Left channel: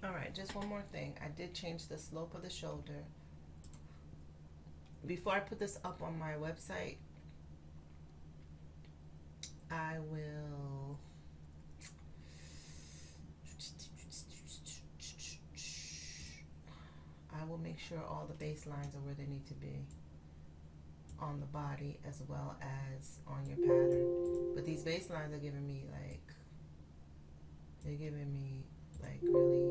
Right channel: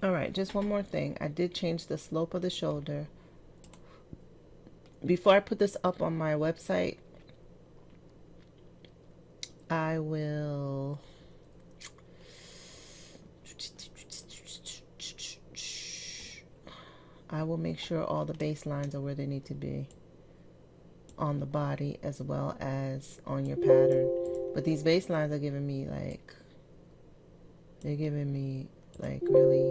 All right, just one more thing. I did change the slope of the shoulder. Before I put this up on my website, I will make sure all the baselines are where they need to be on the body as well as on your pattern. But these baselines are giving me like, they're giving me like really,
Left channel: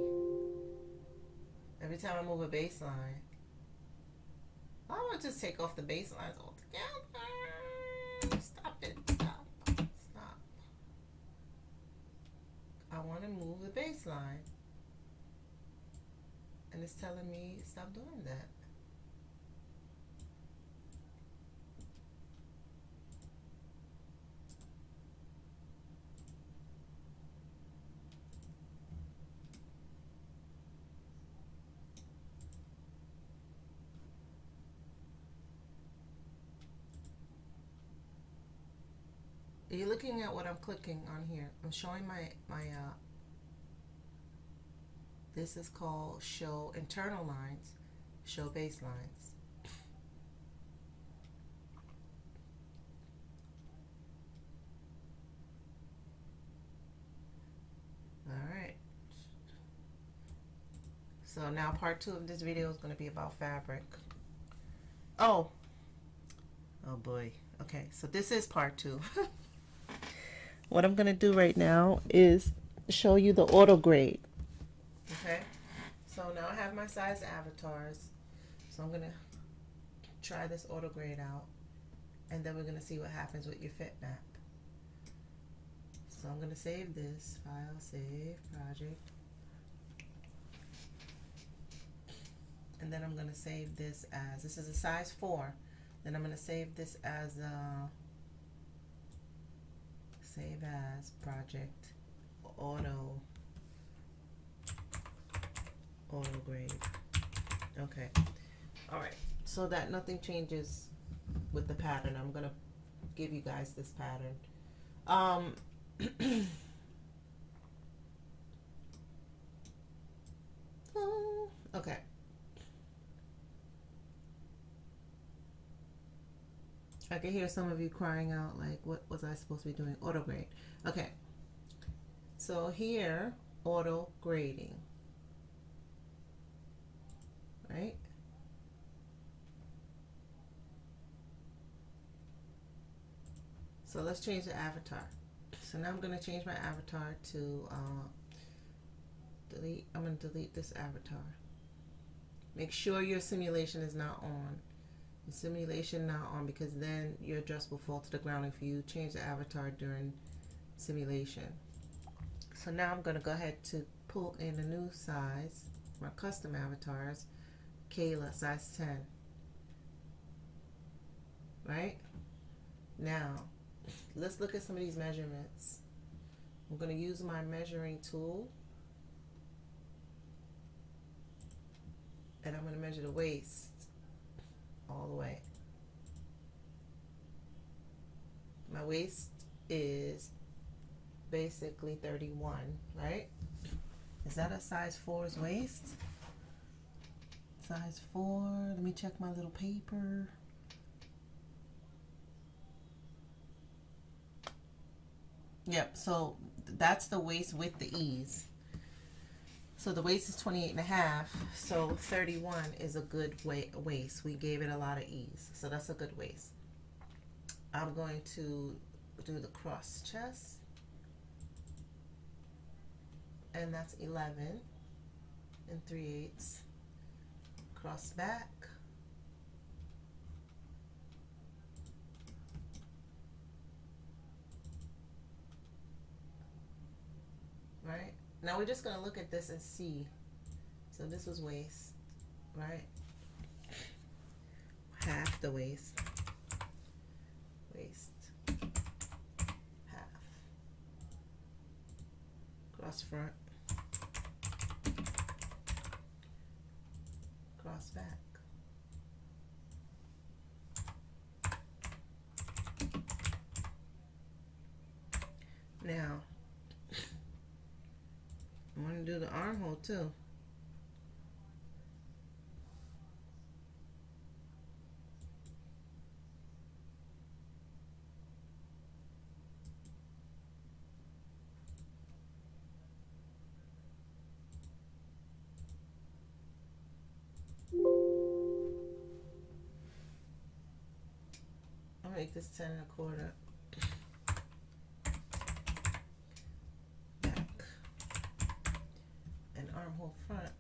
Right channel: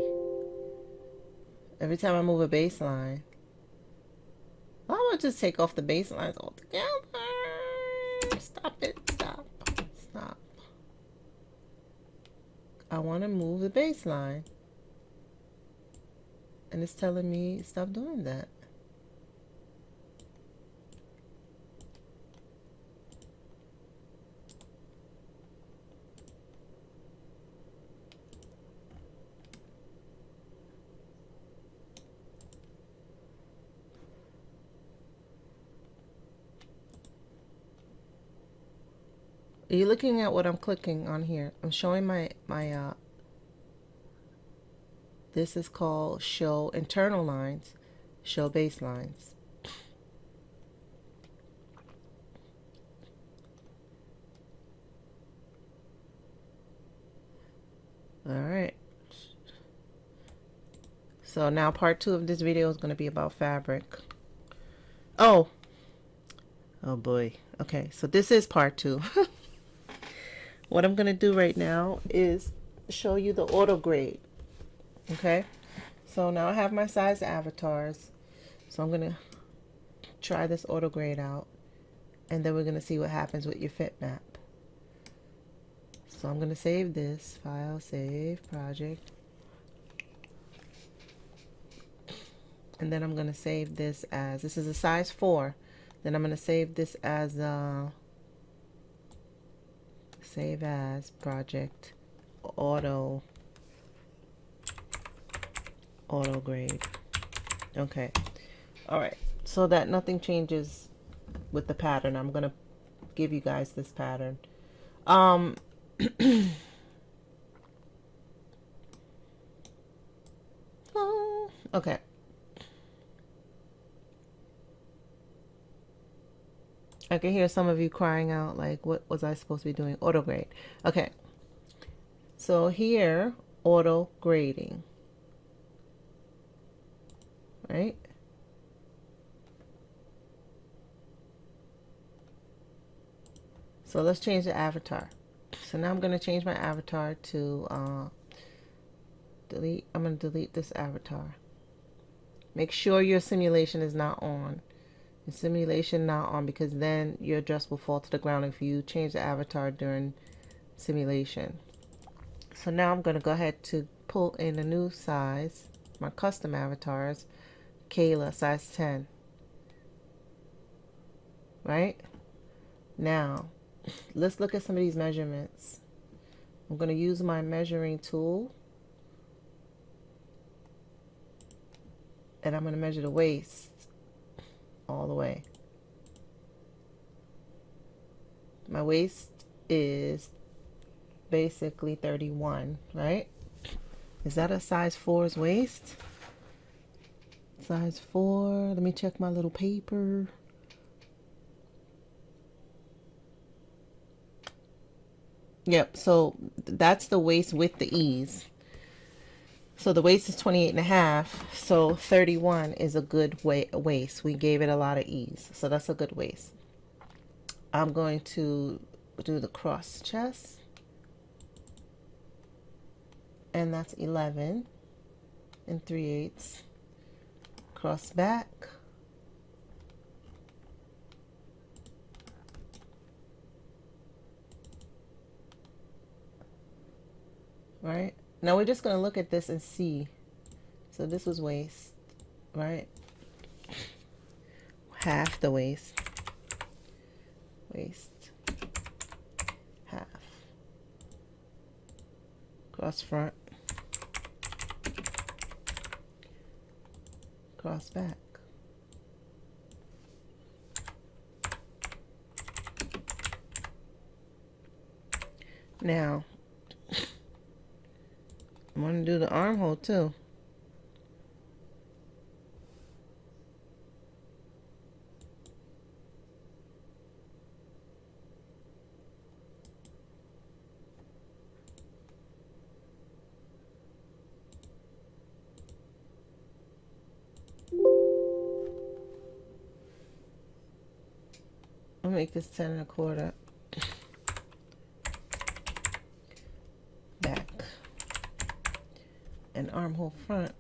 every time I move a baseline, I'm gonna just take off the baselines altogether. Stop it, stop, stop. I wanna move the baseline. And it's telling me stop doing that. Are you looking at what I'm clicking on here? I'm showing my this is called show internal lines, show baselines. All right. So now part 2 of this video is going to be about fabric. Oh boy. Okay, so this is part 2. What I'm going to do right now is show you the auto grade. Okay, so now I have my size avatars, so I'm going to try this auto grade out, and then we're going to see what happens with your fit map. So I'm going to save this file, save project, and then I'm going to save this as, this is a size 4, then I'm going to save this as save as project auto grade. Okay, all right, so that nothing changes with the pattern. I'm gonna give you guys this pattern. Okay, I can hear some of you crying out like, what was I supposed to be doing? Auto grade. Okay, so here, auto grading, right? So let's change the avatar. So now I'm going to change my avatar to delete. I'm going to delete this avatar. Make sure your simulation is not on. Your simulation not on, because then your dress will fall to the ground if you change the avatar during simulation. So now I'm going to go ahead to pull in a new size, my custom avatars, Kayla, size 10. Right? Now, let's look at some of these measurements. I'm going to use my measuring tool, and I'm going to measure the waist all the way. My waist is basically 31, right? Is that a size 4's waist? Size 4. Let me check my little paper. Yep, so that's the waist with the ease. So the waist is 28.5, so 31 is a good waist. We gave it a lot of ease, so that's a good waist. I'm going to do the cross chest, and that's 11 and 3/8. Cross back, right? Now we're just going to look at this and see. So this was waist, right? Half the waist, half, cross front, cross back. Now I'm going to do the armhole too. I'll make this 10 1/4. Back and armhole front.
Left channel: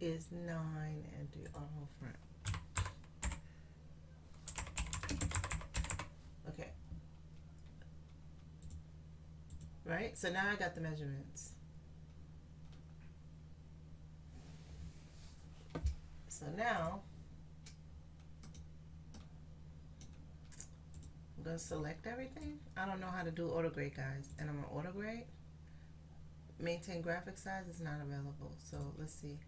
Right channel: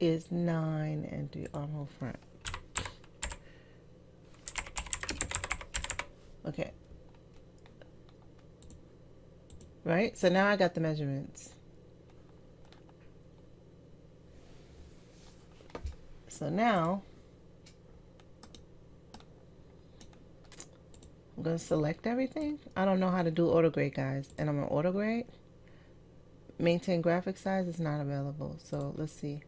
Is 9 and do armhole front. Okay. Right? So now I got the measurements. So now I'm going to select everything. I don't know how to do auto grade, guys. And I'm on auto grade. Maintain graphic size is not available. So let's see.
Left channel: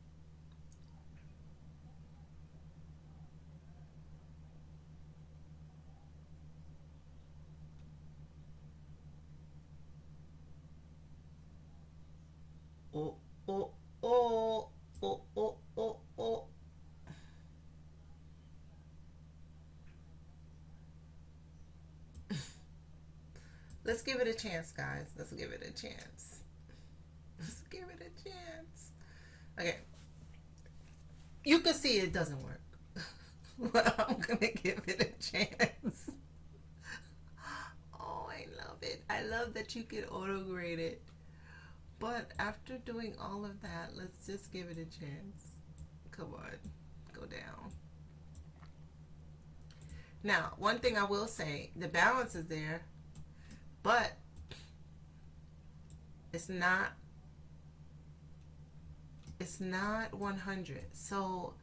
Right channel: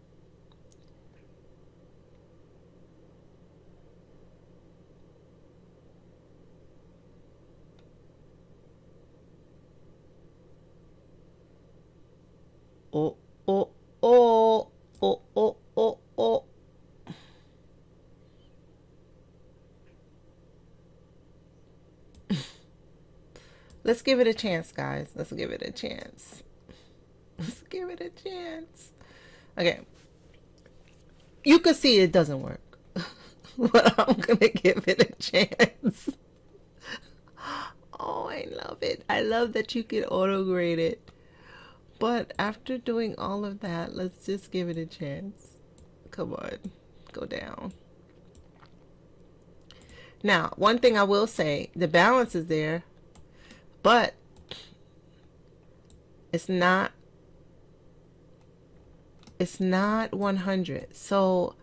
Oh, oh, oh, oh, oh, oh, oh. Let's give it a chance, guys. Let's give it a chance. Let's give it a chance. Okay. You can see it doesn't work. But I'm going to give it a chance. Oh, I love it. I love that you can auto grade it. But after doing all of that, let's just give it a chance. Come on, go down. Now, one thing I will say, the balance is there, but it's not 100. So,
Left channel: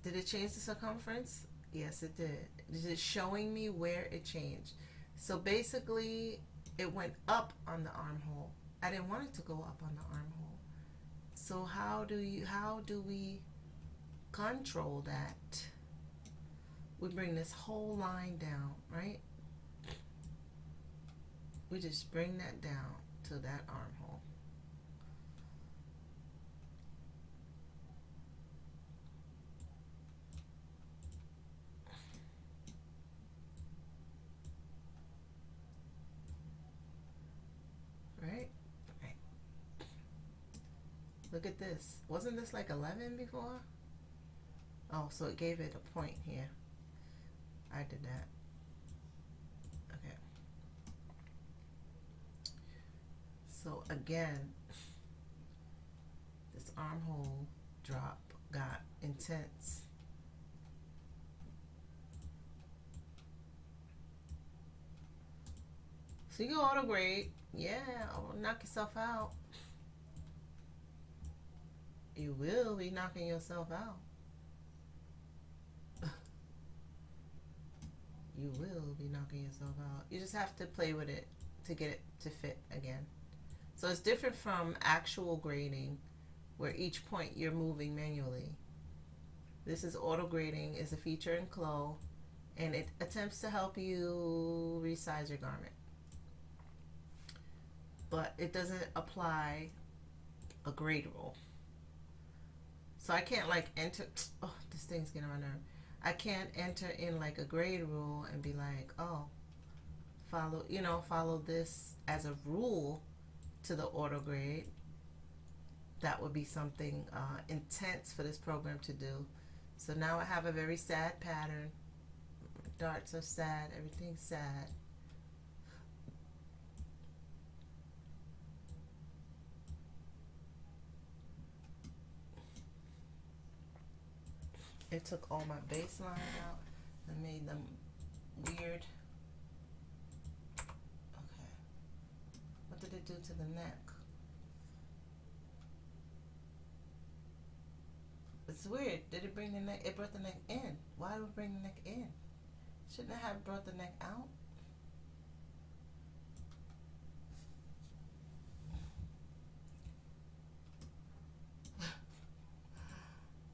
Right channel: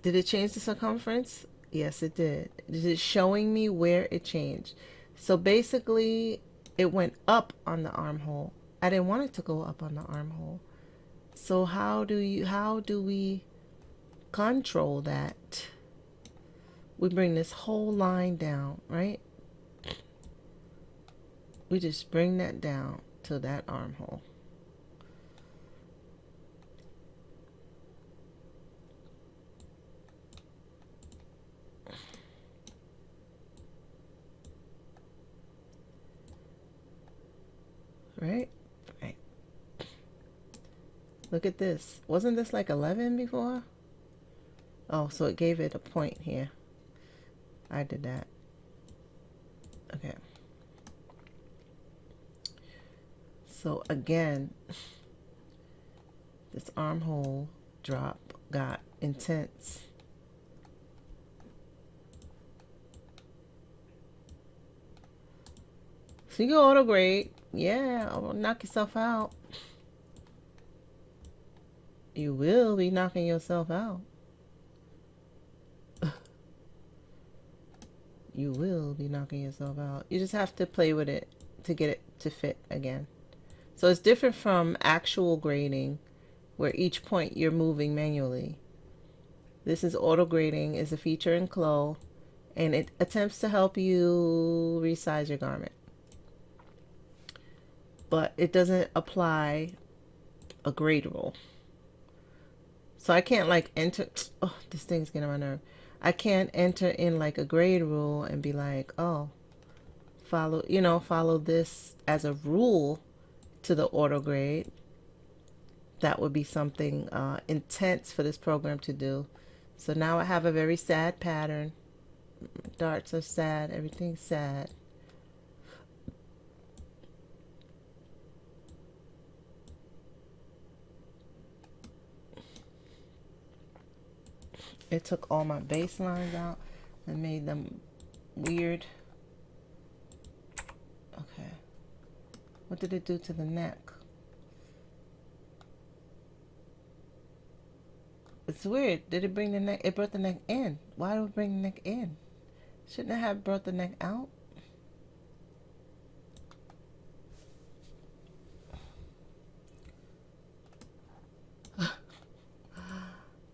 did it change the circumference? Yes, it did. Is it showing me where it changed? So basically, it went up on the armhole. I didn't want it to go up on the armhole. So how do we control that? We bring this whole line down, right? We just bring that down to that armhole. Right? Right. Look at this. Wasn't this like 11 before? Oh, so it gave it a point here. I did that. Okay. So again, this armhole drop got intense. So you go auto grade. Yeah, knock yourself out. You will be knocking yourself out. You will be knocking yourself out. You just have to play with it to get it to fit again. So it's different from actual grading, where each point you're moving manually. This is auto grading, is a feature in CLO, and it attempts to help you resize your garment. But it doesn't apply a grade rule. So I can't like enter, oh, this thing's getting on my nerve. I can't enter in like a grade rule and be like, oh, follow this as a rule to the auto grade. That would be something intense for this program to do. So now I have a very sad pattern. Darts are sad, everything's sad. It took all my baselines out and made them weird. Okay. What did it do to the neck? It's weird. Did it bring the neck? It brought the neck in. Why do it bring the neck in? Shouldn't it have brought the neck out?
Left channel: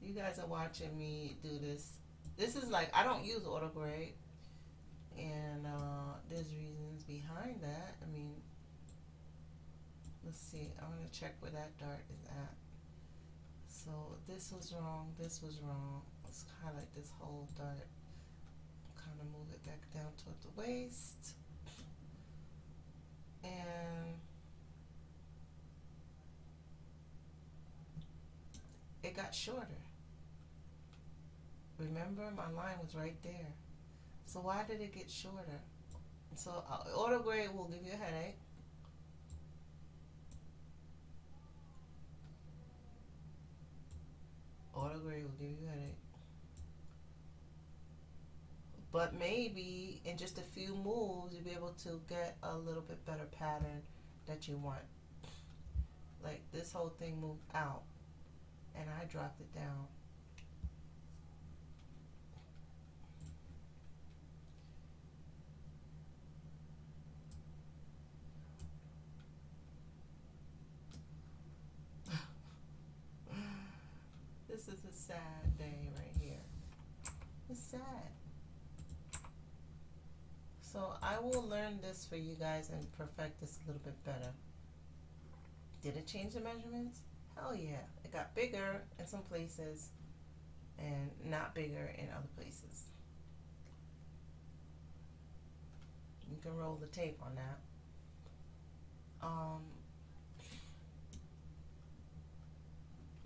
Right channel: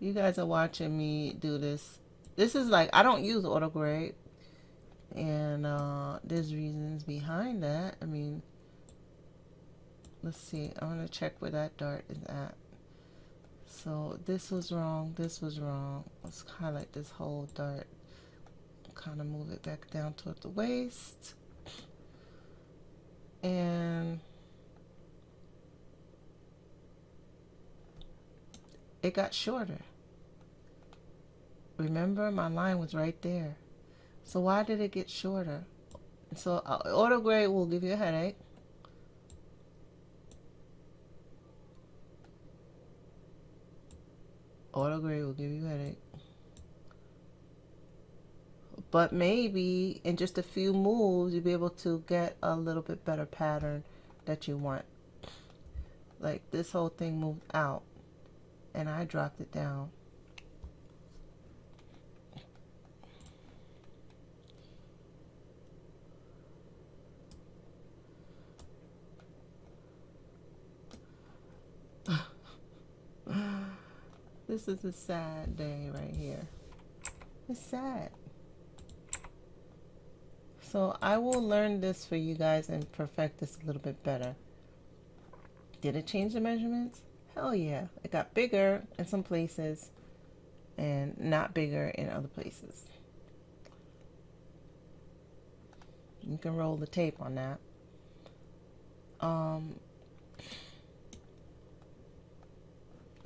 You guys are watching me do this. This is like, I don't use auto grade, and there's reasons behind that. I mean, let's see. I'm gonna check where that dart is at. So this was wrong. This was wrong. Let's highlight this whole dart. Kind of move it back down toward the waist, and it got shorter. Remember, my line was right there. So why did it get shorter? So auto grade will give you a headache. Auto grade will give you a headache. But maybe in just a few moves, you'll be able to get a little bit better pattern that you want. Like this whole thing moved out, and I dropped it down. This is a sad day right here. It's sad. So I will learn this for you guys and perfect this a little bit better. Did it change the measurements? Hell yeah. It got bigger in some places and not bigger in other places. You can roll the tape on that.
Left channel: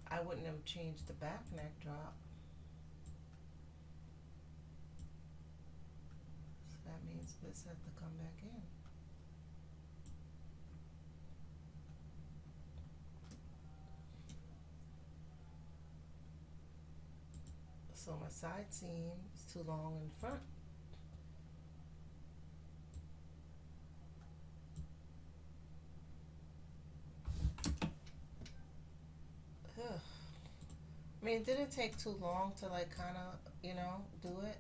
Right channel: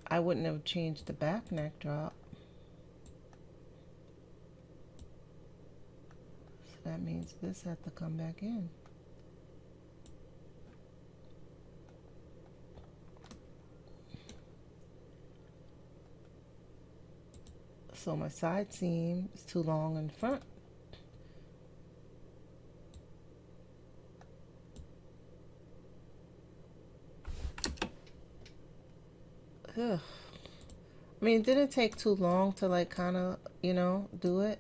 I wouldn't have changed the back neck drop. So that means this has to come back in. So my side seam is too long in front. Ugh. I mean, it didn't take too long to like kind of, you know, do it.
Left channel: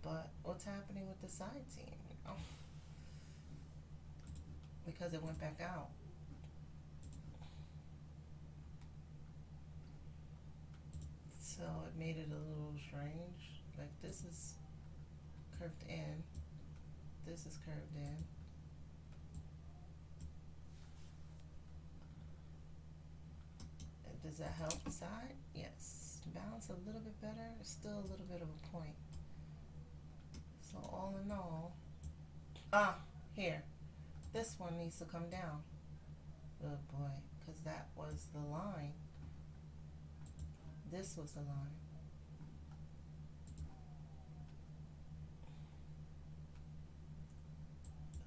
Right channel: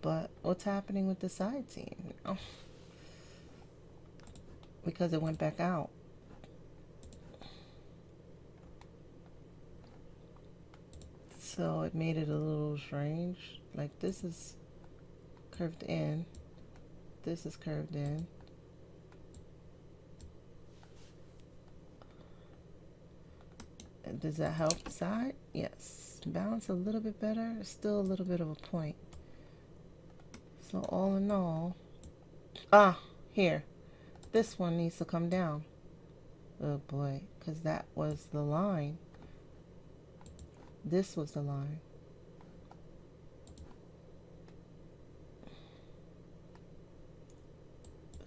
But what's happening with the side seam? You know? Because it went back out. So it made it a little strange. Like this is curved in. This is curved in. Does that help the side? Yes. Balance a little bit better. Still a little bit of a point. So all in all, here. This one needs to come down. Oh boy, because that was the line. This was the line.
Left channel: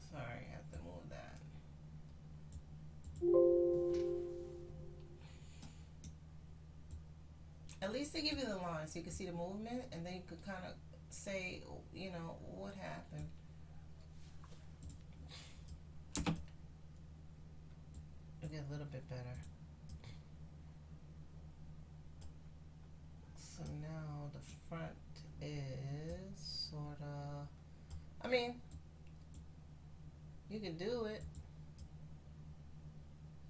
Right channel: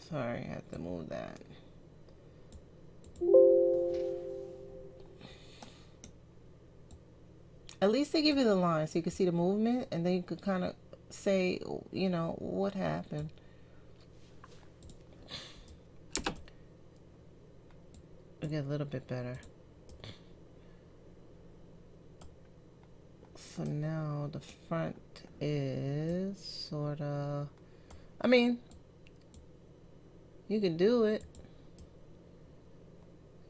Sorry, I have to move that. At least they give you the line so you can see the movement, and then you could kind of say, you know, what happened. It'll get a little bit better. So now the front is sort of, I mean, you can do it.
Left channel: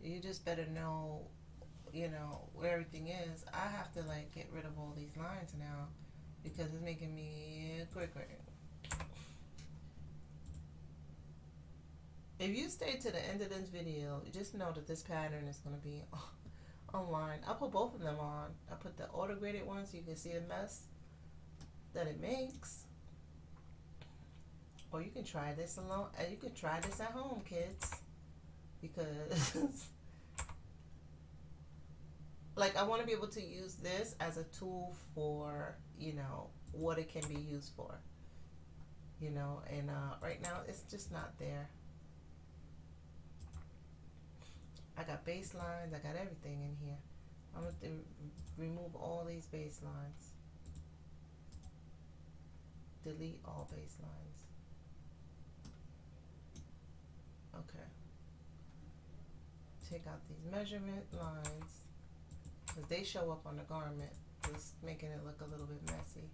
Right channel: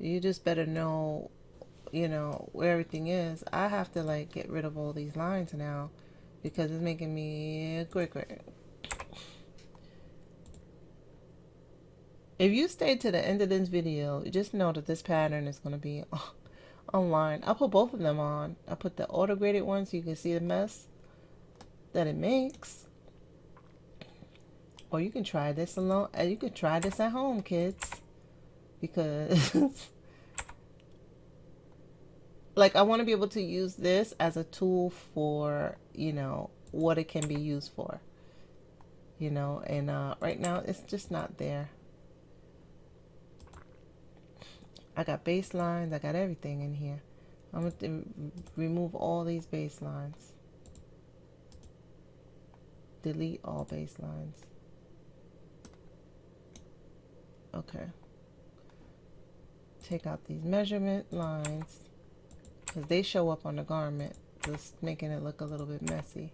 You just better know, you know, where everything is. I have to like get rid of all these lines now because it's making me quicker. If you stay to the end of this video, just know that this pattern is going to be online. I'll put both of them on. I put the auto graded one so you can see the mess that it makes. Or you can try this alone. You can try this at home, kids. Because like I want to be able to use this as a tool for, you know, what it can be used for. You know, and right now it's just not there. I got baselines, I got everything in here. I'm going to remove all these baselines. Delete all baselines. Okay. Take out these measurement lines because they show up on the garment, just making it look a little bit messy.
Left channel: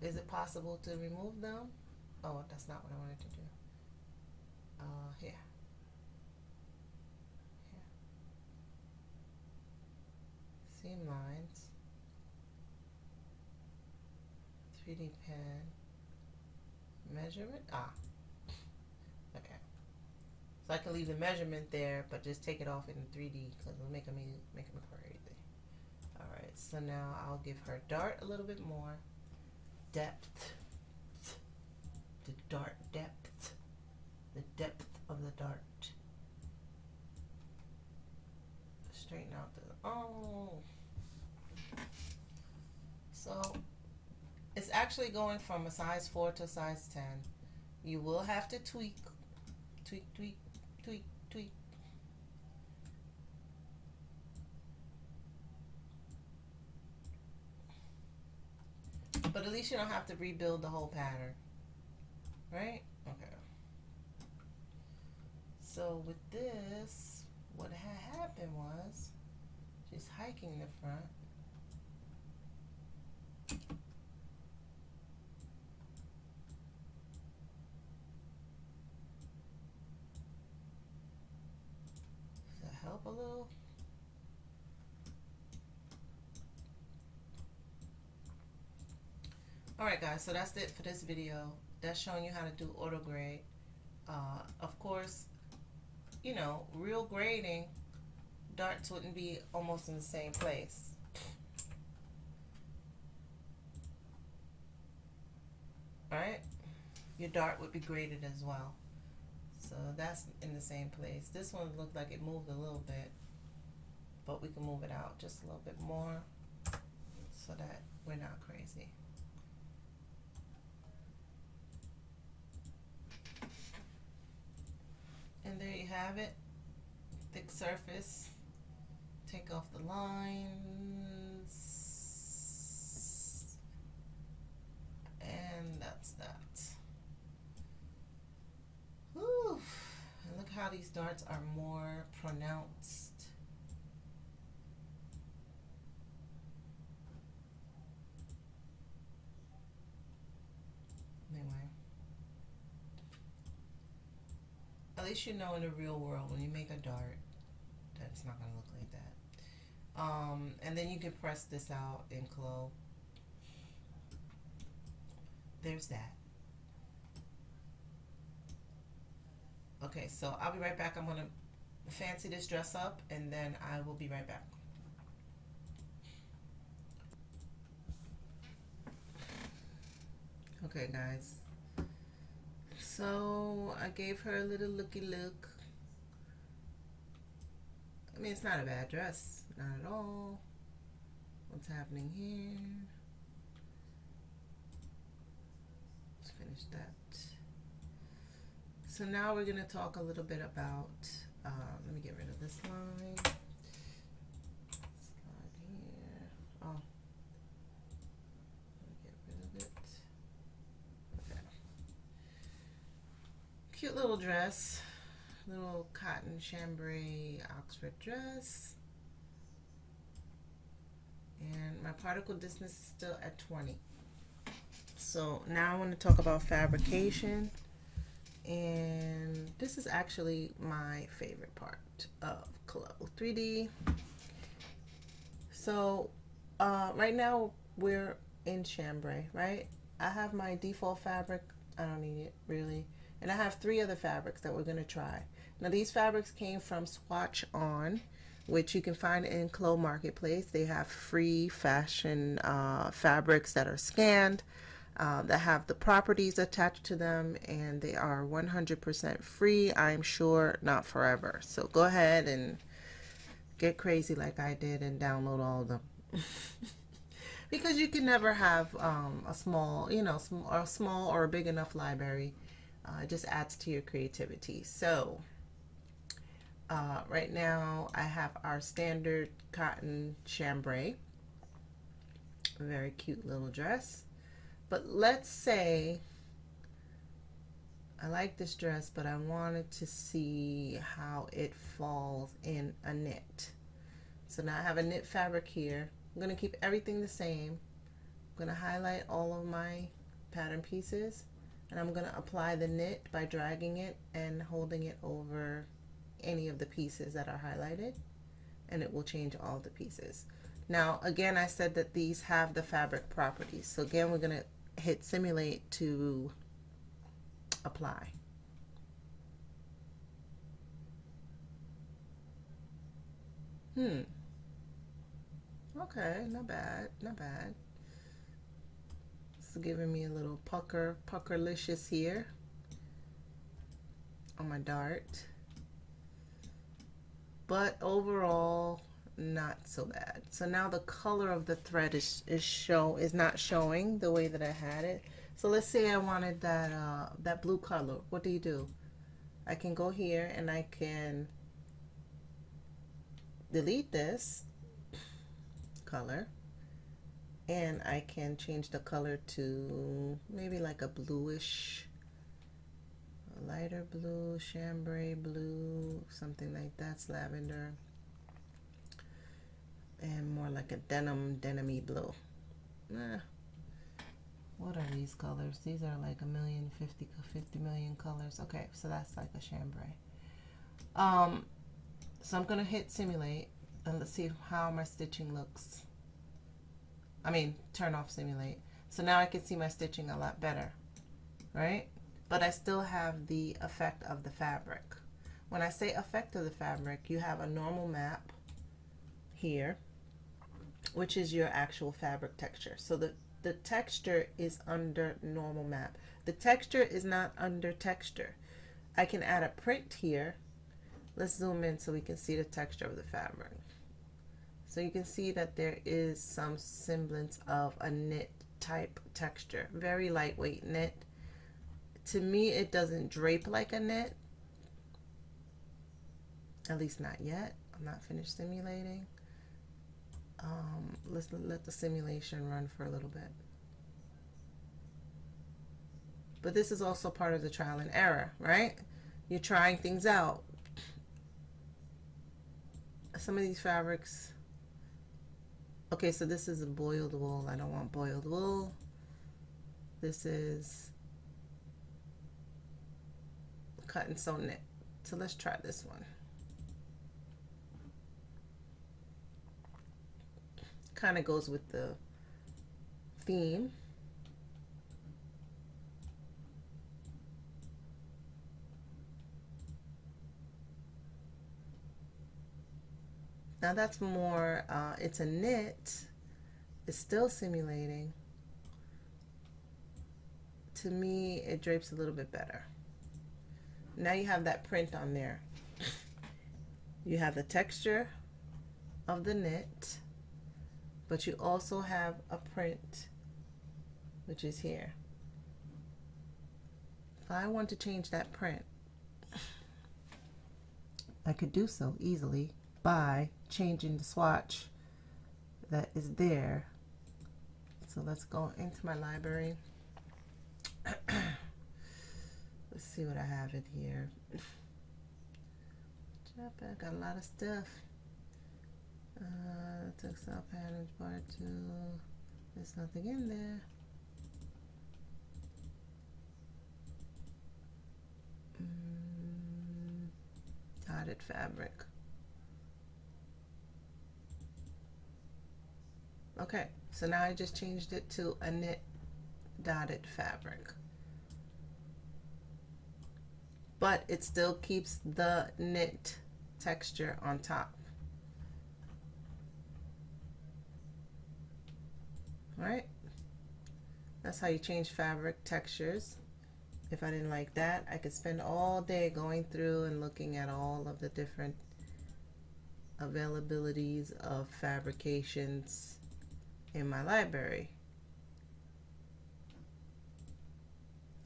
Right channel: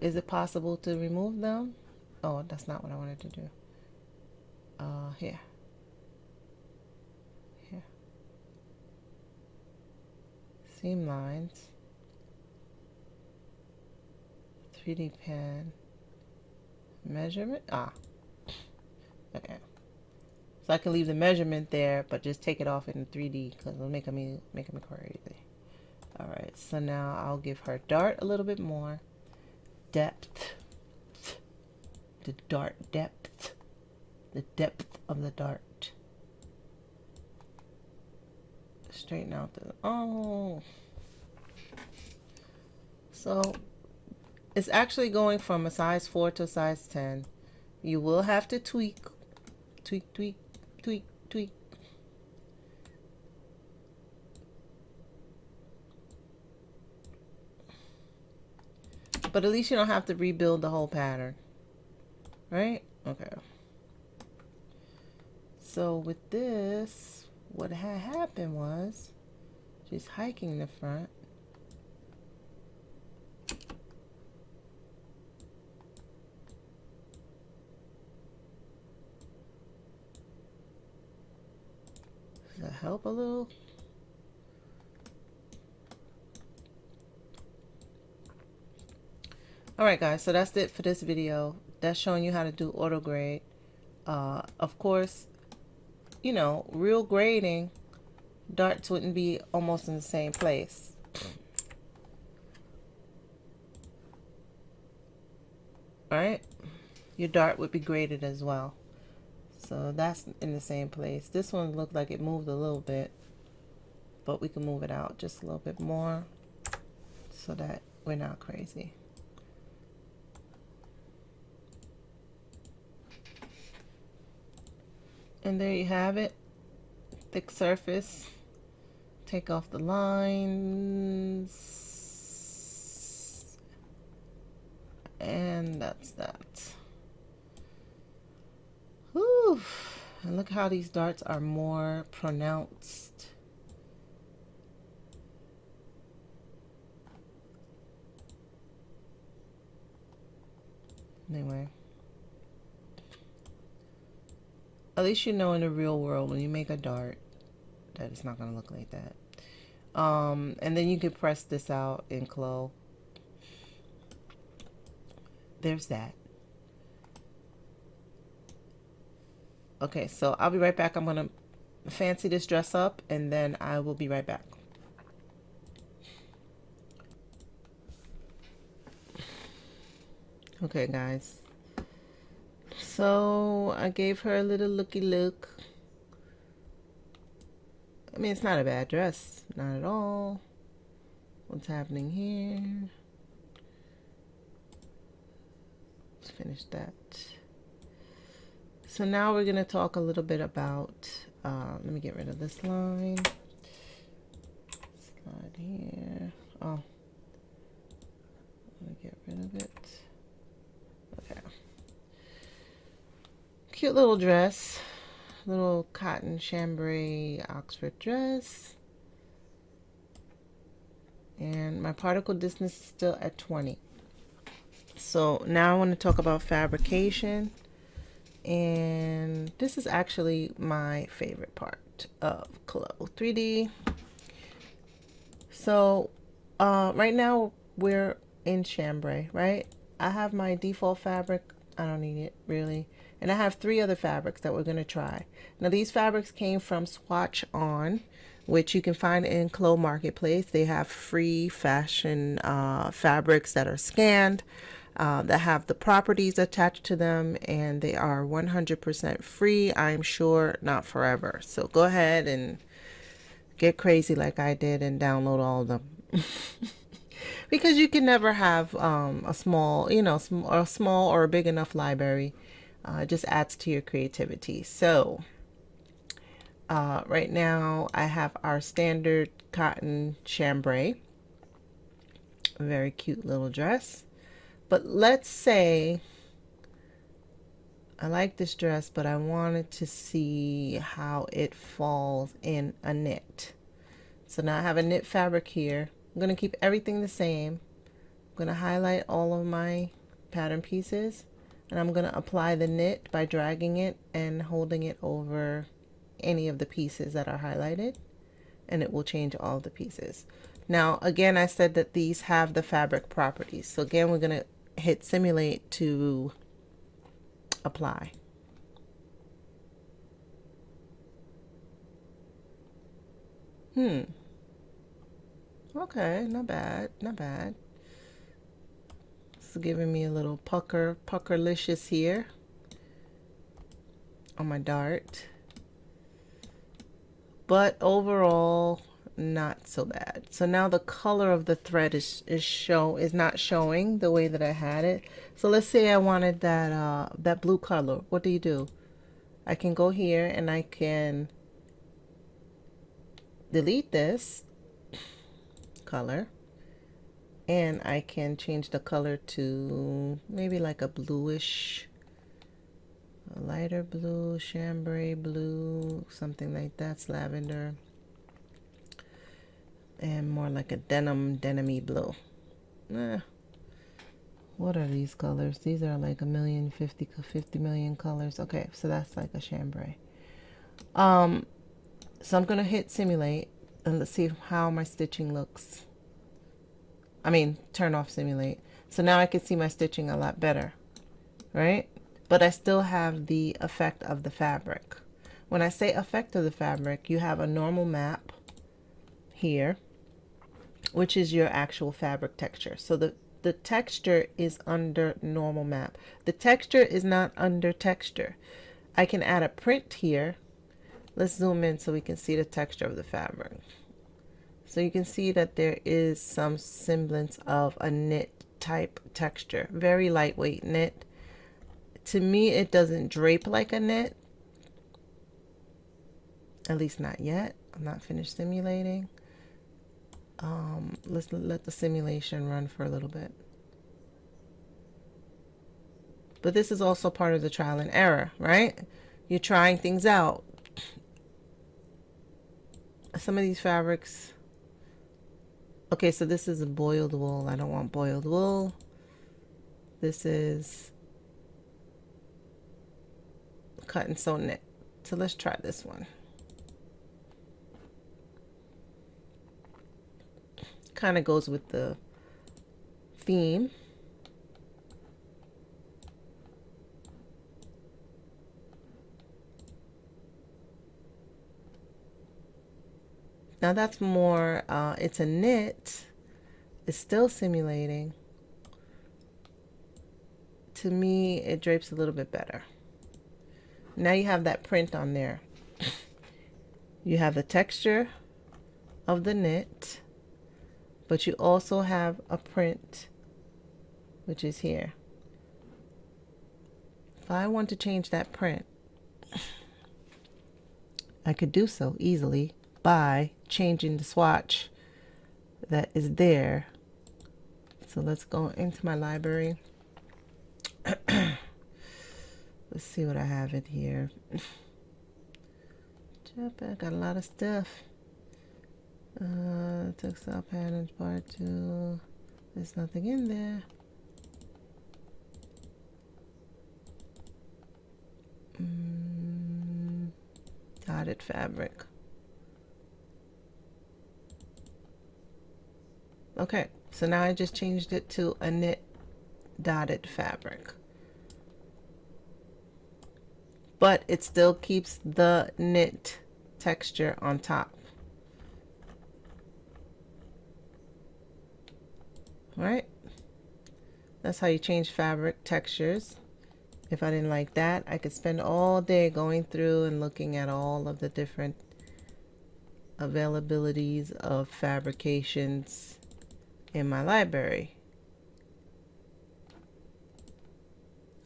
Is it possible to remove them? Oh, that's not what I wanted to do. Here. seam lines, 3D pen, measurement, okay. So I can leave the measurement there, but just take it off in 3D because it'll make me crazy. All right, so now I'll give her dart a little bit more depth. The dart depth. The depth of the dart. Straighten out the, oh. So it's actually going from a size 4 to a size 10. You will have to tweak, tweak, tweak, tweak, tweak. But at least you don't have to rebuild the whole pattern, right? Okay. So with this, what had happened was she's hiking the front. Does that help a little? Alright guys, so that's it for this video. That's showing you how to do auto grade. Of course, you know, real grading, darts wouldn't be almost in the same place. Alright? Your dart would be graded as well. So that's in the same place. This one looked like it moved a little bit, but we can move it out just a little bit more so that we're not crazy. And there you have it. Thick surface. Take off the lines. And that's that. Whew. And look how these darts are more pronounced. Anyway. At least you know in the real world when you make a dart that it's not going to look like that. And then you can press this out in CLO. There's that. Okay, so I'll be right back. I'm going to fancy this dress up and then I will be right back. Okay, guys. So I gave her a little looky look. I mean, it's not a bad dress, not at all. What's happening here? Let's finish that. So now we're gonna talk a little bit about, let me get rid of this line. Slide here. Oh, let me get rid of it. Okay. Cute little dress, little cotton chambray Oxford dress, and my particle distance is still at 20. So now I want to talk about fabrication, and this is actually my favorite part of CLO3D. So right now we're in chambray, right? I have my default fabric. I don't need it really. And I have 3 other fabrics that we're going to try. Now these fabrics came from Swatch On, which you can find in CLO Marketplace. They have free fashion fabrics that are scanned, that have the properties attached to them, and they are 100% free. I'm sure not forever. So go ahead and get crazy like I did and download all of them. Because you can never have a small, you know, a small or a big enough library. It just adds to your creativity. So right now I have our standard cotton chambray, a very cute little dress. But let's say I like this dress, but I wanted to see how it falls in a knit. So now I have a knit fabric here. I'm going to keep everything the same. I'm going to highlight all of my pattern pieces. And I'm going to apply the knit by dragging it and holding it over any of the pieces that are highlighted. And it will change all the pieces. Now, again, I said that these have the fabric properties. So again, we're going to hit simulate to apply. Okay, not bad, not bad. It's giving me a little puckerlicious here on my dart. But overall, not so bad. So now the color of the thread is not showing the way that I had it. So let's say I wanted that that blue color. What do? I can go here and I can delete this color, and I can change the color to maybe like a bluish, a lighter blue, chambray blue, something like that's lavender, and more like a denim-y blue. What are these colors? These are like 50 million colors. Okay, so that's like a chambray. So I'm gonna hit simulate and let's see how my stitching looks. I mean, turn off simulate. So now I can see my stitching a lot better, right? But I still have the effect of the fabric. When I say effect of the fabric, you have a normal map here, which is your actual fabric texture. So the texture is under normal map. The texture is not under texture. I can add a print here. Let's zoom in so we can see the texture of the fabric. So you can see that there is some semblance of a knit type texture. Very lightweight knit. To me, it doesn't drape like a knit. At least not yet. I'm not finished simulating. Let's let the simulation run for a little bit. But this is also part of the trial and error, right? You're trying things out. Some of these fabrics. Okay, so this is a boiled wool. I don't want boiled wool. This is cut and sew knit. So let's try this one. Kind of goes with the theme. Now that's more, it's a knit. It's still simulating. To me, it drapes a little bit better. Now you have that print on there. You have the texture of the knit, but you also have a print, which is here. If I want to change that print, I could do so easily by changing the swatch that is there. So let's go into my library. Let's see what I have in here. I got a lot of stuff. Textile patterns part 2. There's nothing in there. Dotted fabric. Okay, so now I just changed it to a knit dotted fabric. But it still keeps the knit texture on top. All right? That's how you change fabric textures. If I didn't like that, I could spend all day going through and looking at all of the different availabilities of fabrications in my library.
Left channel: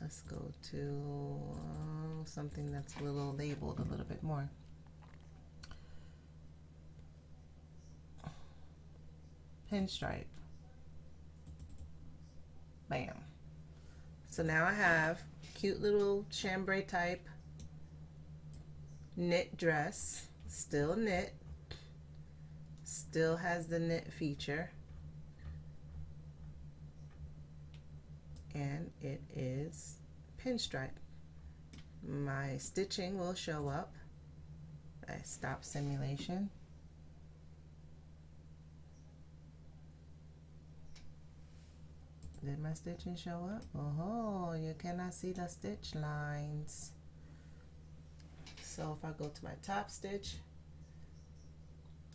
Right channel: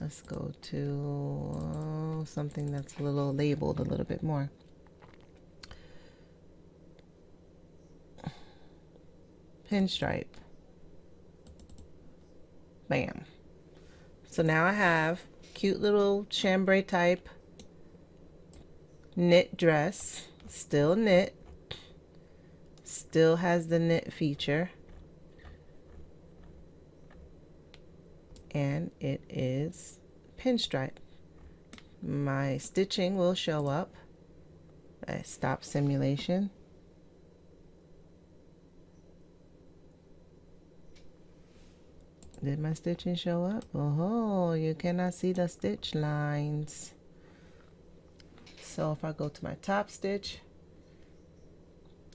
Let's go to something that's a little labeled a little bit more. Pinstripe. Bam. So now I have cute little chambray type knit dress. Still knit. Still has the knit feature. And it is pinstripe. My stitching will show up. I stop simulation. Did my stitching show up? Oh, you cannot see the stitch lines. So if I go to my top stitch,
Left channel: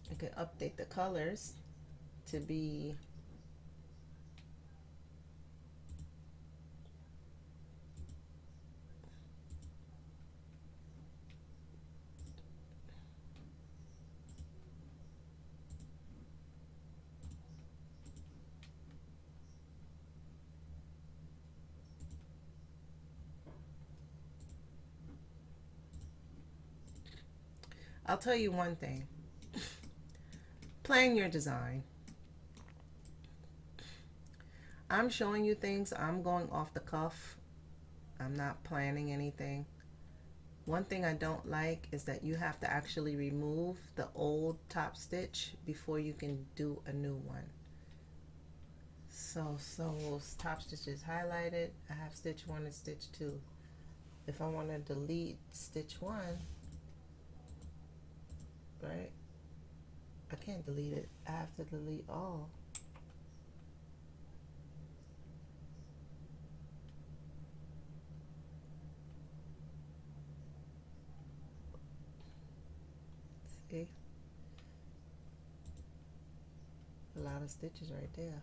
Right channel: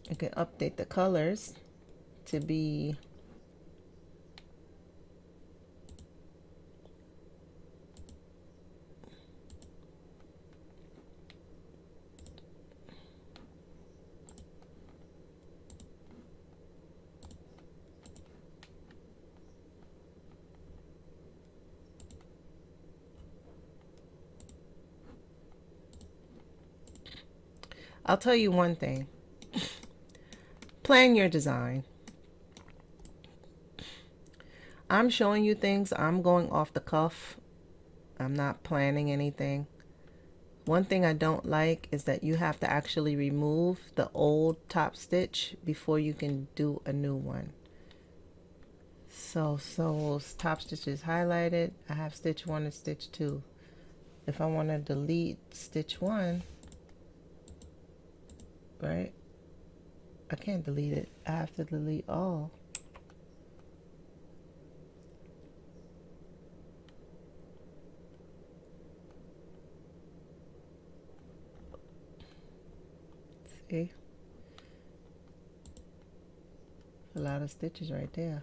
I can update the colors to be I'll tell you one thing. Plan your design. I'm showing you things. I'm going off the cuff. I'm not planning anything. One thing I don't like is that you have to actually remove the old top stitch before you can do a new one. So top stitch is highlighted. I have stitch 1 and stitch 2. If I want to delete stitch 1, right? I can't delete it. I have to delete all. See? A lot of stitches right there.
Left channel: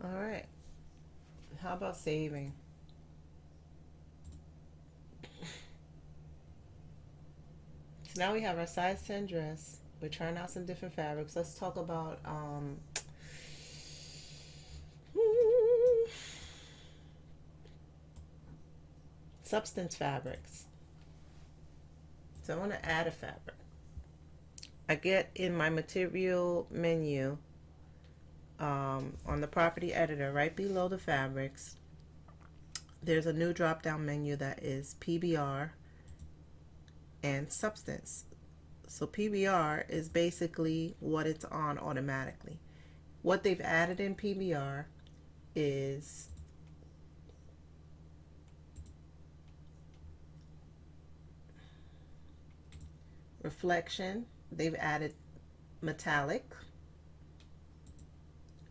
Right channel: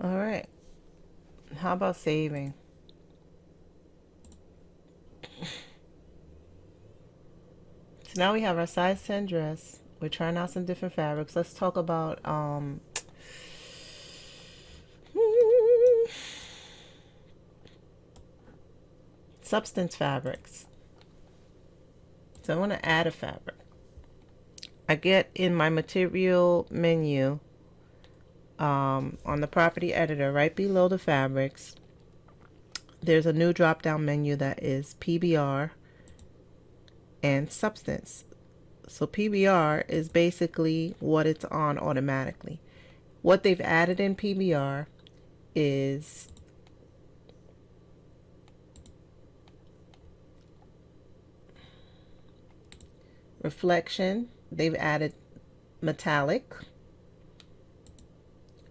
All right. How about saving? So now we have our size 10 dress. We're trying out some different fabrics. Let's talk about substance fabrics. So I want to add a fabric. I get in my material menu on the property editor, right below the fabrics, there's a new drop down menu that is PBR and substance. So PBR is basically what it's on automatically. What they've added in PBR is reflection. They've added metallic.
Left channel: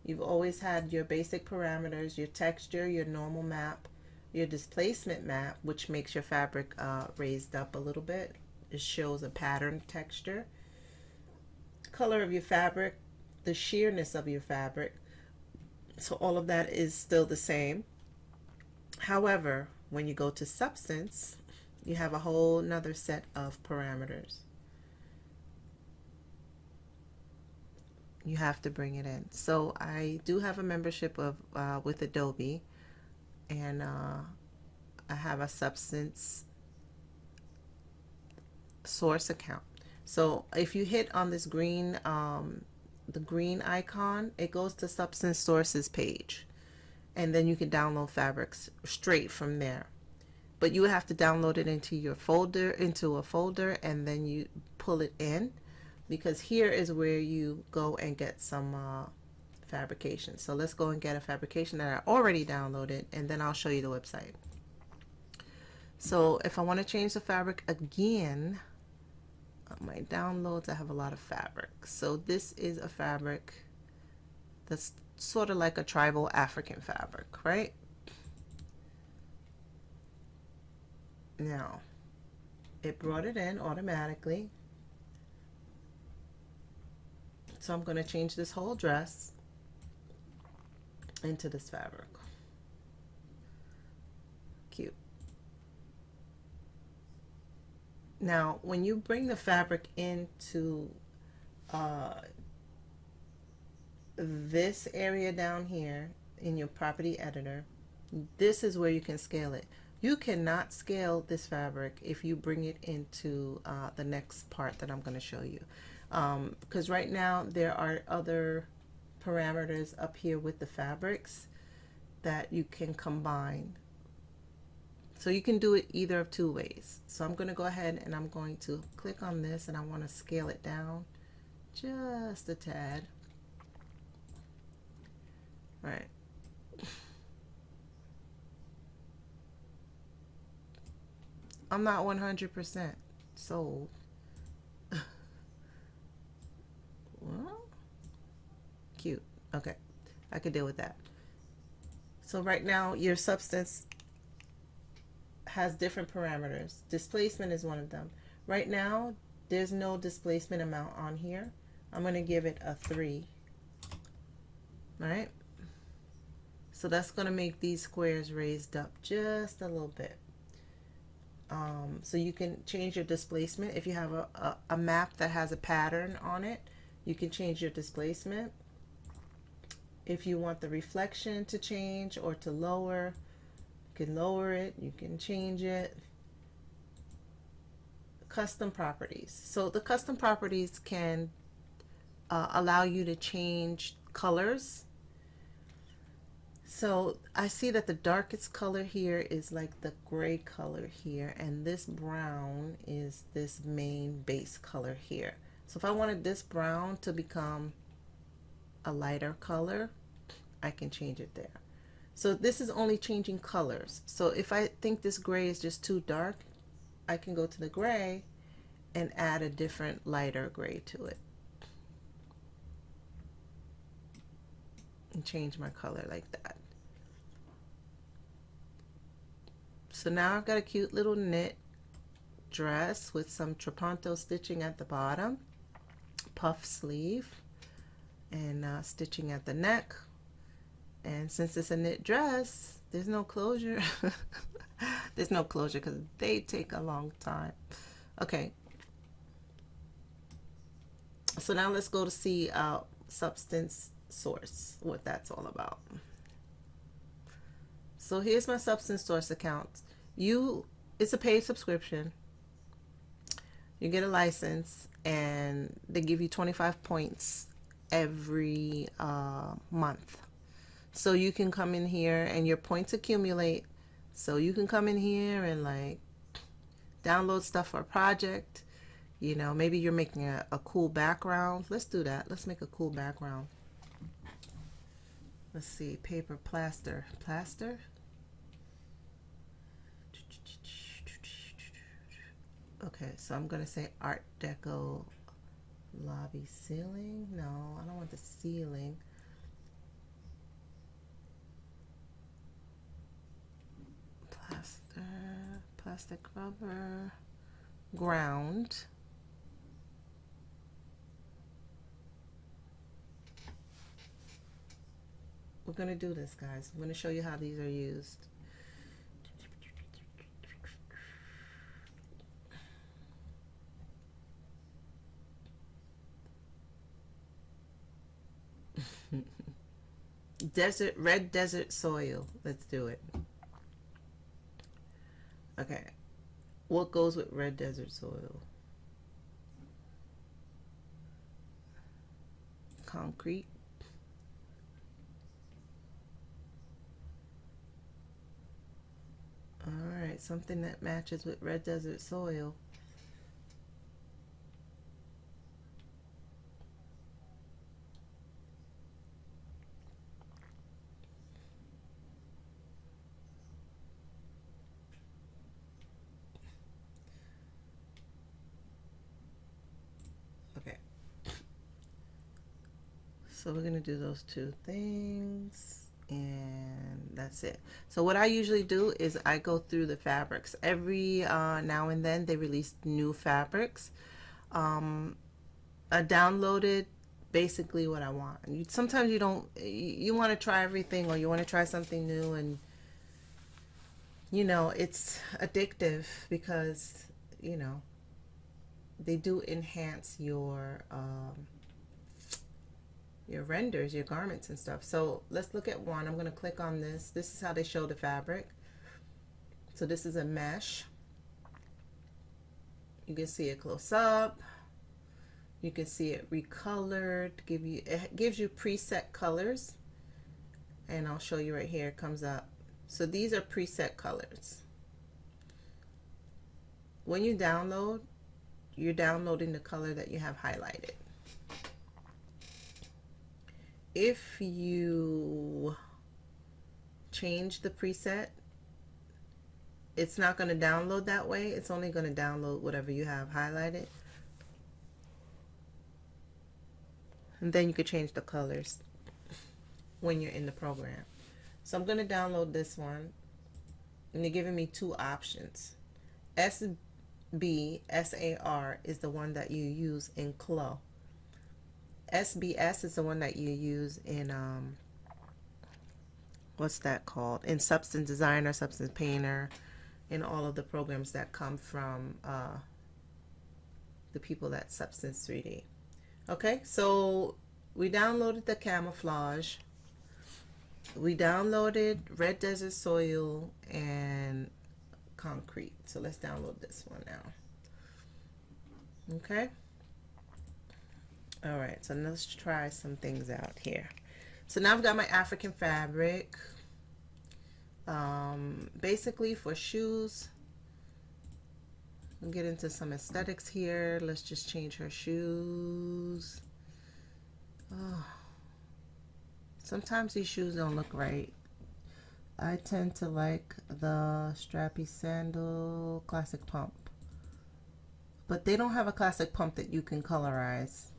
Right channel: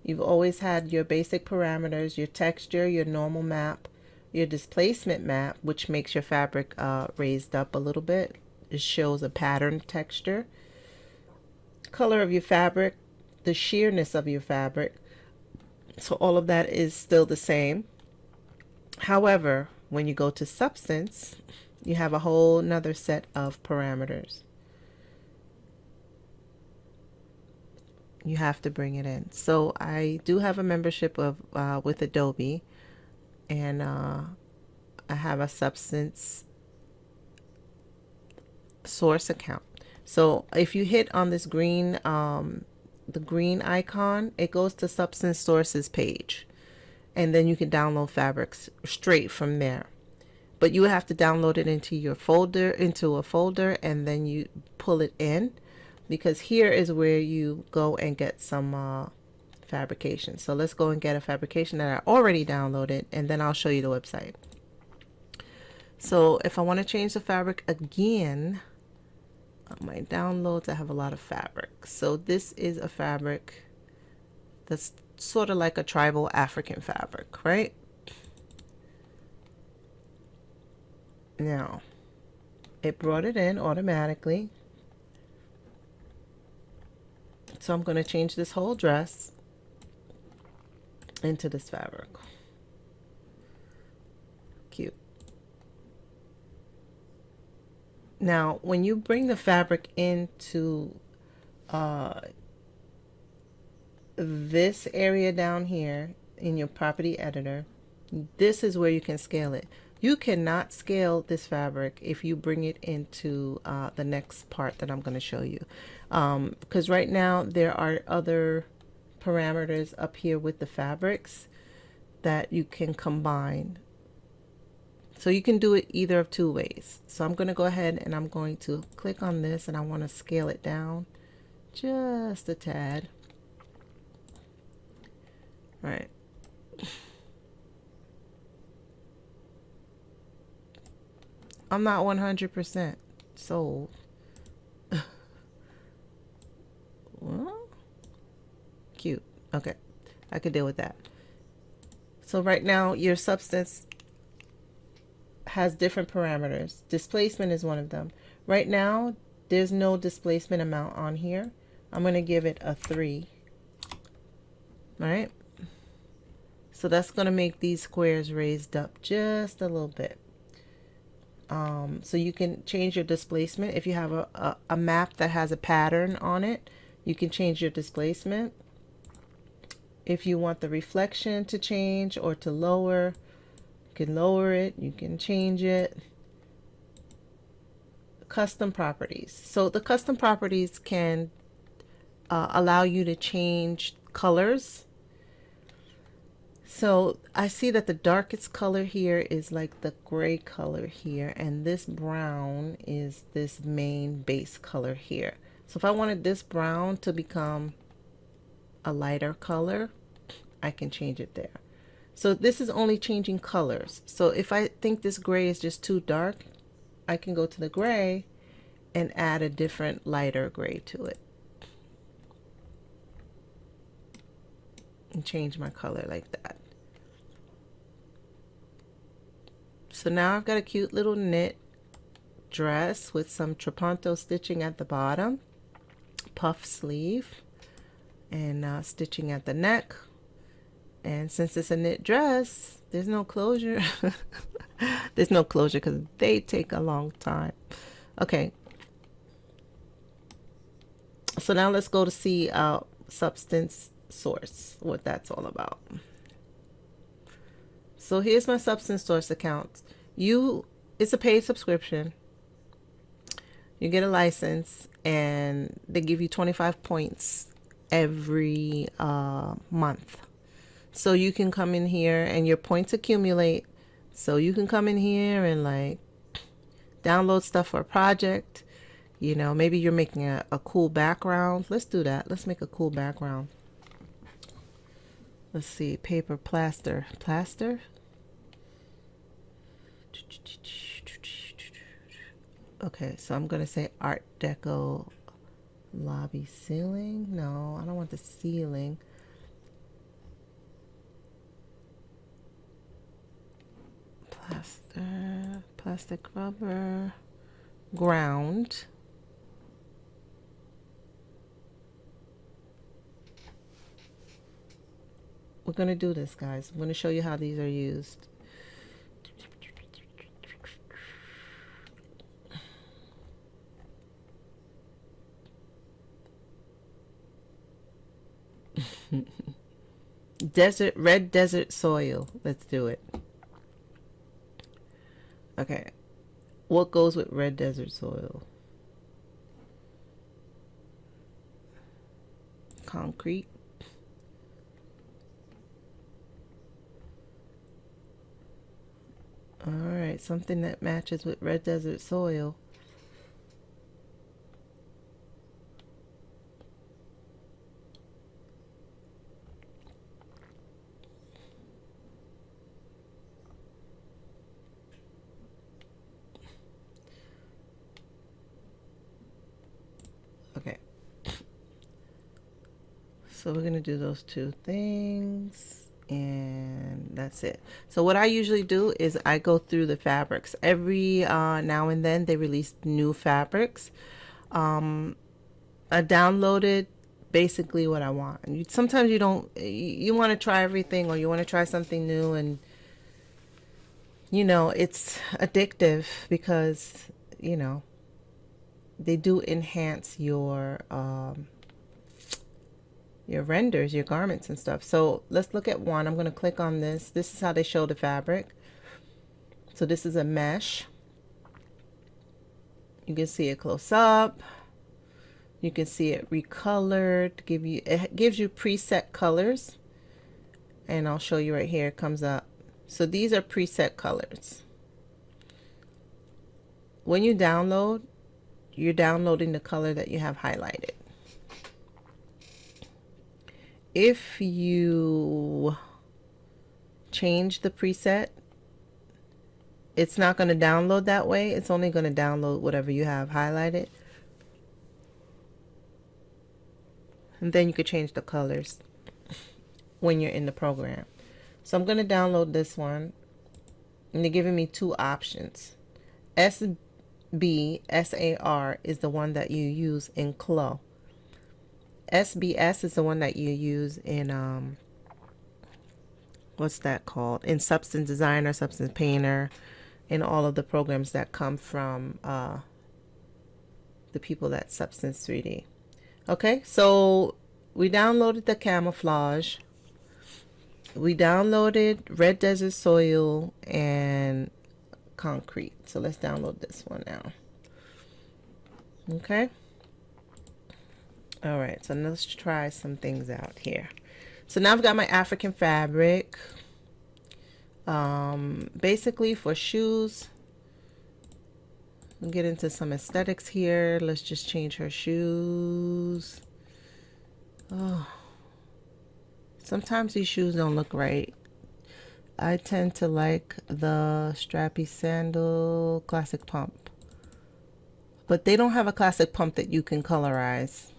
You've always had your basic parameters, your texture, your normal map, your displacement map, which makes your fabric raised up a little bit. It shows a pattern texture. Color of your fabric, the sheerness of your fabric. So all of that is still the same. However, when you go to substance, you have a whole nother set of parameters. You have to bring it in. So I do have a membership of with Adobe, and I have a substance source account. So if you hit on this green the green icon, it goes to substance sources page, and then you can download fabrics straight from there. But you would have to download it into your folder, into a folder, and then you pull it in, because here is where you go and get some fabrication. So let's go and get a fabrication that I already downloaded, and then I'll show you the website. So if I want to change the fabric again, my downloads, I have a lot of fabric. So this is a fabric that's sort of like a tribal African fabric, right? Now, it brought it in automatically. So I'm going to change this whole dress into this fabric. Cute. Now, when you bring the fabric into this area down here in your property editor, this is where you can scale it. You cannot scale this fabric if you bring it into the next part that I'm going to show you. Because right now there are other parameters up here with the fabrics that you can combine. So you can do it either of two ways. So I'm going to go ahead and I'm going to click on this, and I want to scale it down just a tad. All right. I'm not 100% sold. Well, cute. Okay, I could deal with that. So right now your substance has different parameters. Displacement is one of them. Right now there's no displacement amount on here. I'm going to give it a 3. All right. So that's going to make these squares raised up just a little bit. So you can change your displacement. If you have a map that has a pattern on it, you can change your displacement. If you want the reflection to change or to lower, you can lower it, you can change it. Custom properties. So the custom properties can allow you to change colors. So I see that the darkest color here is like the gray color here, and this brown is this main base color here. So if I wanted this brown to become a lighter color, I can change it there. So this is only changing colors. So if I think this gray is just too dark, I can go to the gray and add a different lighter gray to it and change my color like that. So now I've got a cute little knit dress with some trapunto stitching at the bottom, puff sleeve, and stitching at the neck. And since it's a knit dress, there's no closure. There's no closure because they take a long time. Okay. So now let's go to see substance source, what that's all about. So here's my substance source account. It's a paid subscription. You get a license and they give you 25 points every month. So you can come in here and your points accumulate. So you can come in here and like download stuff for a project. You know, maybe you're making a cool background. Let's do that. Let's make a cool background. Let's see, paper, plaster. Okay, so I'm going to say Art Deco lobby ceiling. No, I don't want the ceiling. Plastic rubber, ground. We're going to do this, guys. I'm going to show you how these are used. Red desert soil. Let's do it. Okay. What goes with red desert soil? Concrete. All right, something that matches with red desert soil. Okay. So we're going to do those two things. And that's it. So what I usually do is I go through the fabrics every now and then. They release new fabrics. I downloaded basically what I want. Sometimes you want to try everything, or you want to try something new, and you know it's addictive because you know they do enhance your renders, your garments and stuff. So let's look at one. I'm going to click on this. This is how they show the fabric. So this is a mesh. You can see it close up. You can see it recolored. It gives you preset colors. And I'll show you right here. It comes up. So these are preset colors. when you download, you're downloading the color that you have highlighted. If you change the preset, it's not going to download that way. It's only going to download whatever you have highlighted. And then you could change the colors when you're in the program. So I'm going to download this one. And they're giving me two options. SBSAR is the one that you use in CLO. SBS is the one that you use in, what's that called? In Substance Designer, Substance Painter, in all of the programs that come from the people at Substance 3D. Okay, so we downloaded the camouflage. We downloaded Red Desert Soil and Concrete. So let's download this one now. Okay. All right, so let's try some things out here. So now I've got my African fabric. Basically for shoes, we'll get into some aesthetics here. Let's just change her shoes. Oh, sometimes these shoes don't look right. I tend to like the strappy sandal classic pump, but they don't have a classic pump that you can colorize.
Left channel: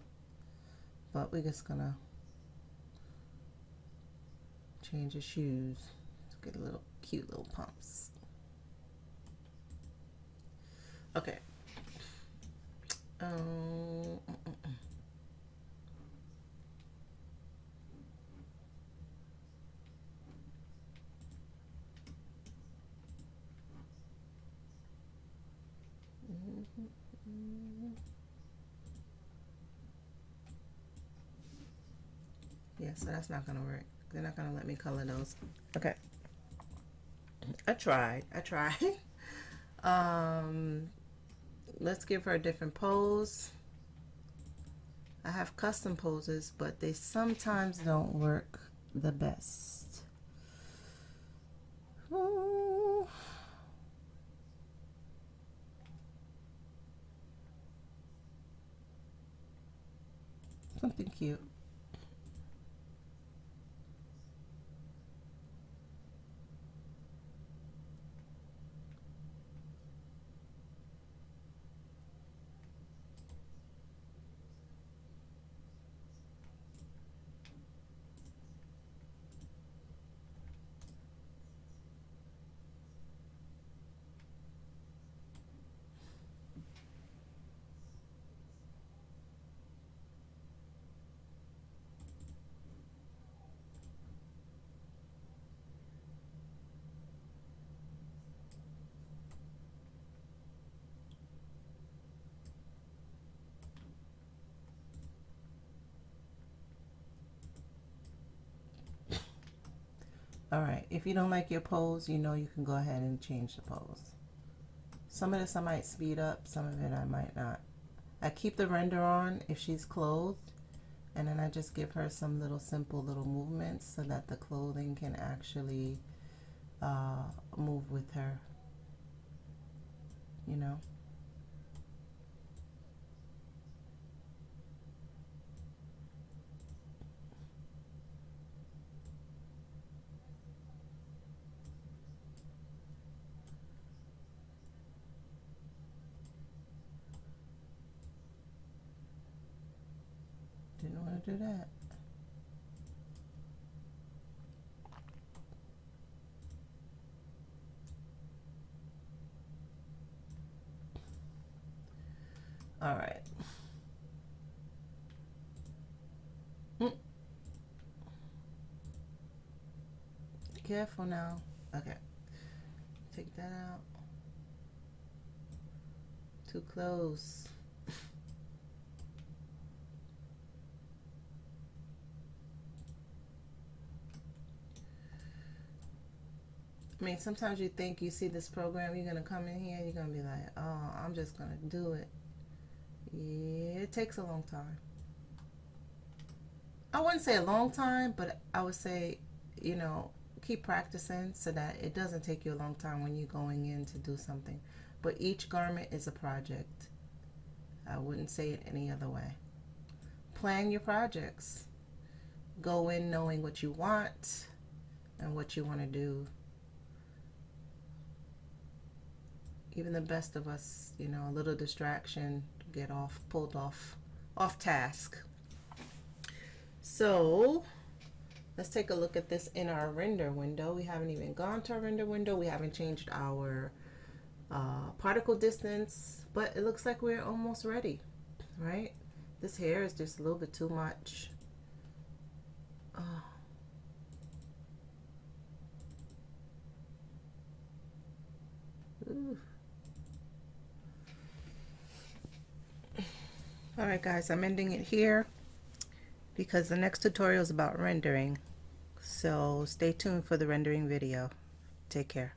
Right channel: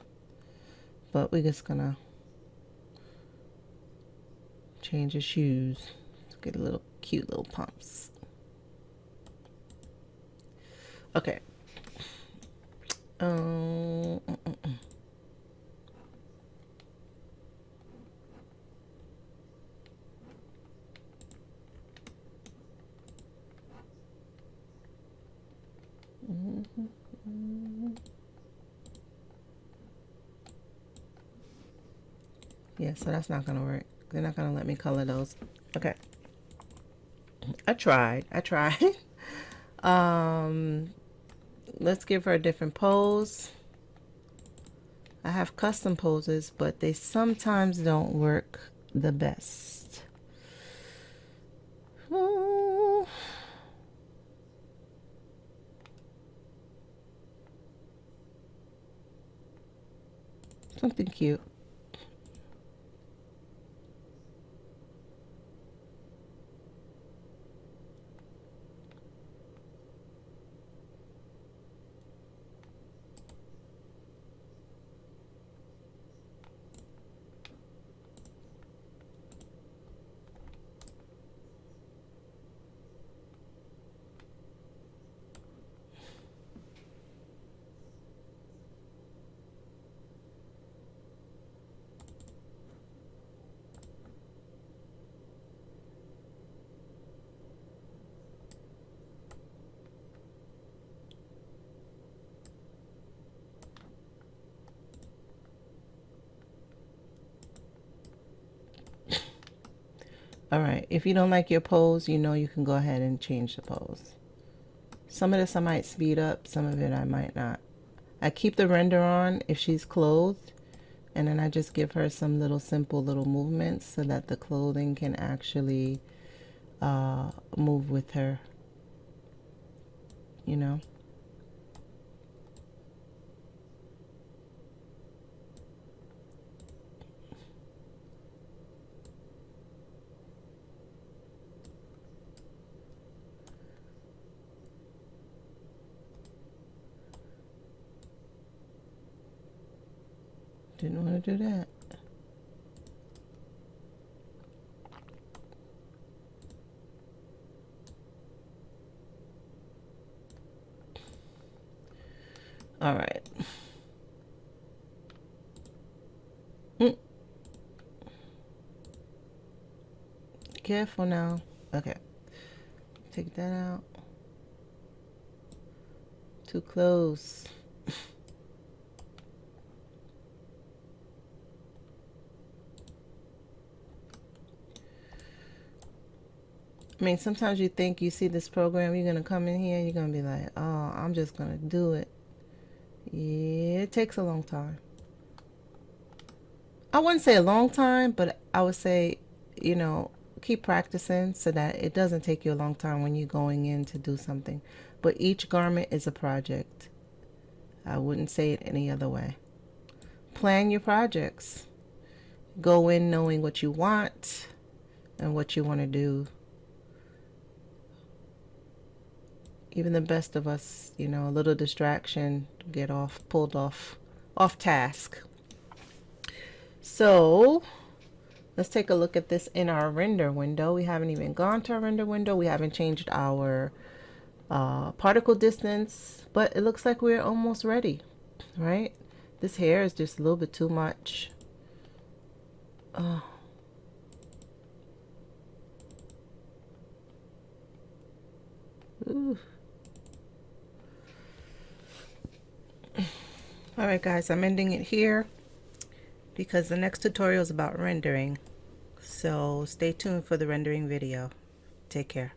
But we're just gonna change the shoes to get a little cute little pumps. Okay. Yeah, so that's not gonna work. They're not gonna let me color those. Okay. I tried. Let's give her a different pose. I have custom poses, but they sometimes don't work the best. Something cute. All right, if you don't like your pose, you know you can go ahead and change the pose. Some of this I might speed up, some of it I might not. I keep the render on if she's clothed, and then I just give her some little simple little movements so that the clothing can actually move with her, you know. Didn't want to do that. All right. Careful now. Okay. Take that out. Too close. I mean, sometimes you think you see this program, you're going to come in here and you're going to be like, oh, I'm just going to do it. Yeah, it takes a long time. I wouldn't say a long time, but I would say, you know, keep practicing so that it doesn't take you a long time when you're going in to do something. but each garment is a project. I wouldn't say it any other way. Plan your projects. Go in knowing what you want and what you want to do. Even the best of us, you know, a little distraction, get pulled off task. So let's take a look at this in our render window. We haven't even gone to our render window. We haven't changed our particle distance, but it looks like we're almost ready, right? This hair is just a little bit too much. Alright guys, I'm ending it here because the next tutorial is about rendering. So stay tuned for the rendering video. Take care.